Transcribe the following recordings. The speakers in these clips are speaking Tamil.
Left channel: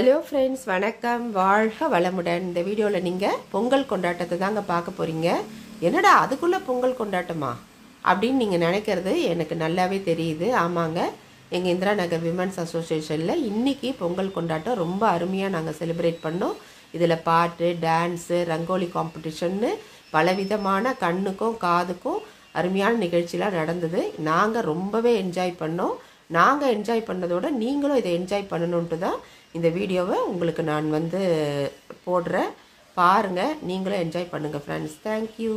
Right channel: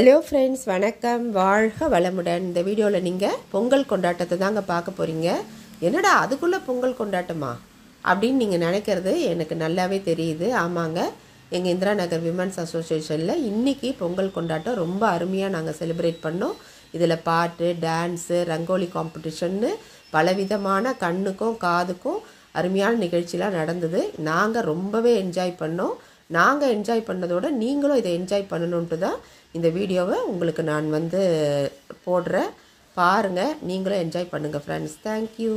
ஹலோ ஃப்ரெண்ட்ஸ், வணக்கம். வாழ்க வளமுடன். இந்த வீடியோவில் நீங்கள் பொங்கல் கொண்டாட்டத்தை தாங்க பார்க்க போகிறீங்க. என்னடா அதுக்குள்ளே பொங்கல் கொண்டாட்டமா அப்படின்னு நீங்கள் நினைக்கிறது எனக்கு நல்லாவே தெரியுது. ஆமாங்க, எங்கள் இந்திரா நகர் விமன்ஸ் அசோசியேஷனில் இன்றைக்கி பொங்கல் கொண்டாட்டம் ரொம்ப அருமையாக நாங்கள் செலிப்ரேட் பண்ணோம். இதில் பாட்டு, டான்ஸு, ரங்கோலி காம்படிஷன்னு பலவிதமான கண்ணுக்கும் காதுக்கும் அருமையான நிகழ்ச்சிலாம் நடந்தது. நாங்கள் ரொம்பவே என்ஜாய் பண்ணோம். நாங்கள் என்ஜாய் பண்ணதோட நீங்களும் இதை என்ஜாய் பண்ணணுன்ட்டு தான் இந்த வீடியோவை உங்களுக்கு நான் போடுறேன். பாருங்கள், நீங்களும் என்ஜாய் பண்ணுங்கள் ஃப்ரெண்ட்ஸ். தேங்க்யூ.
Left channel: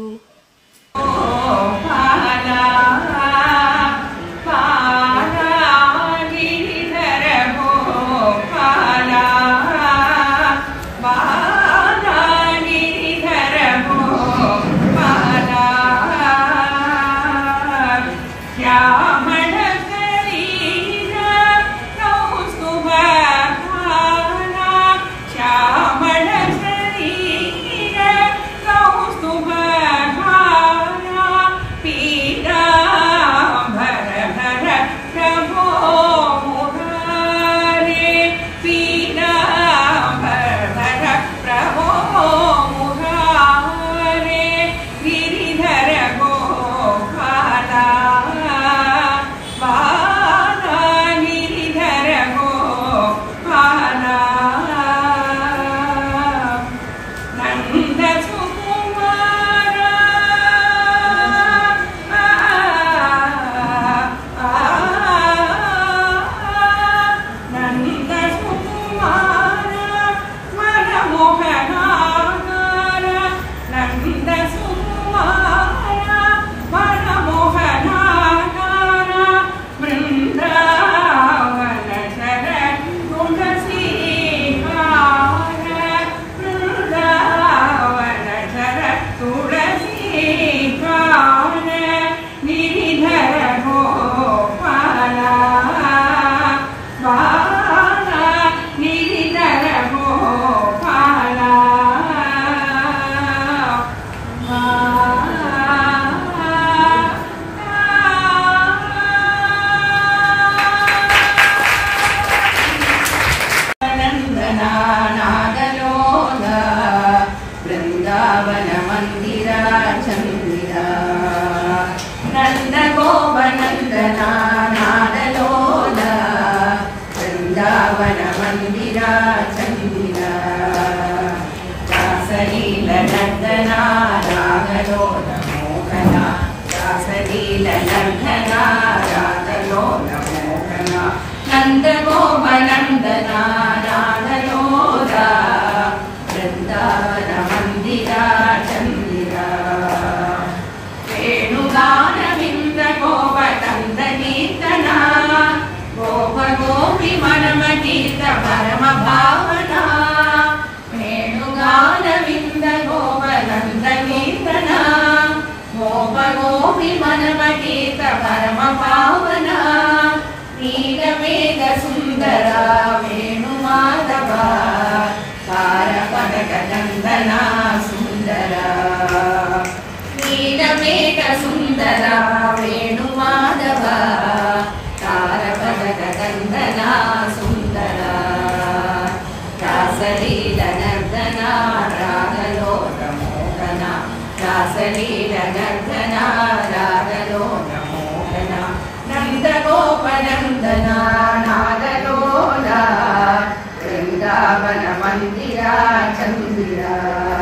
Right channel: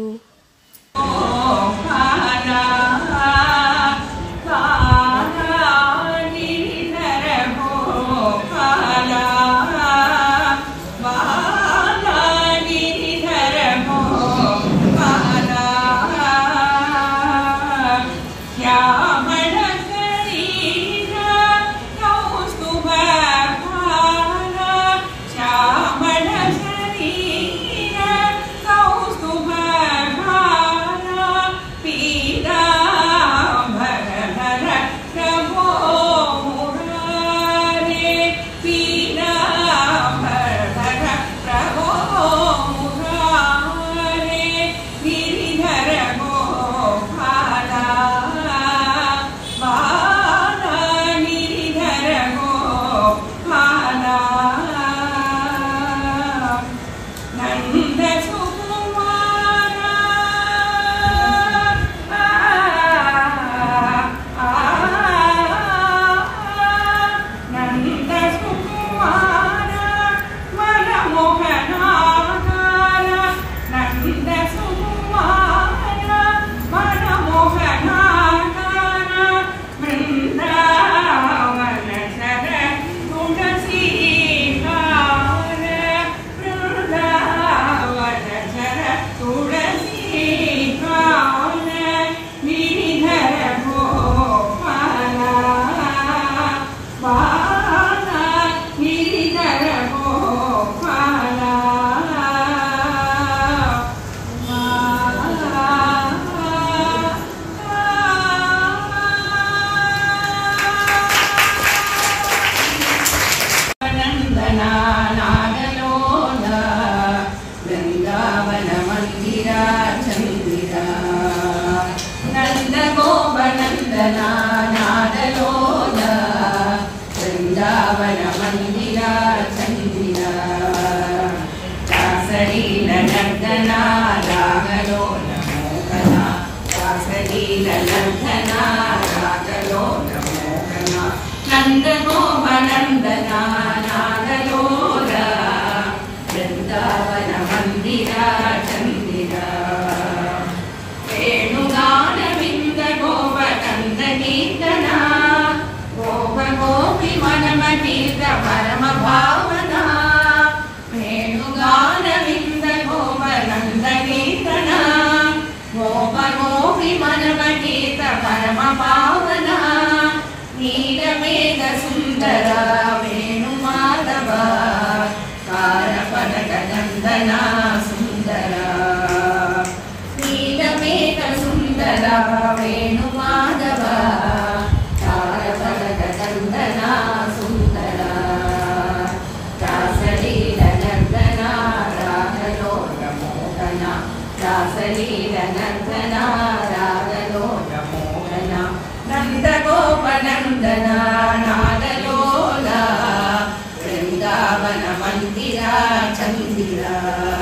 वृंदावन मंदिरा चंदिरा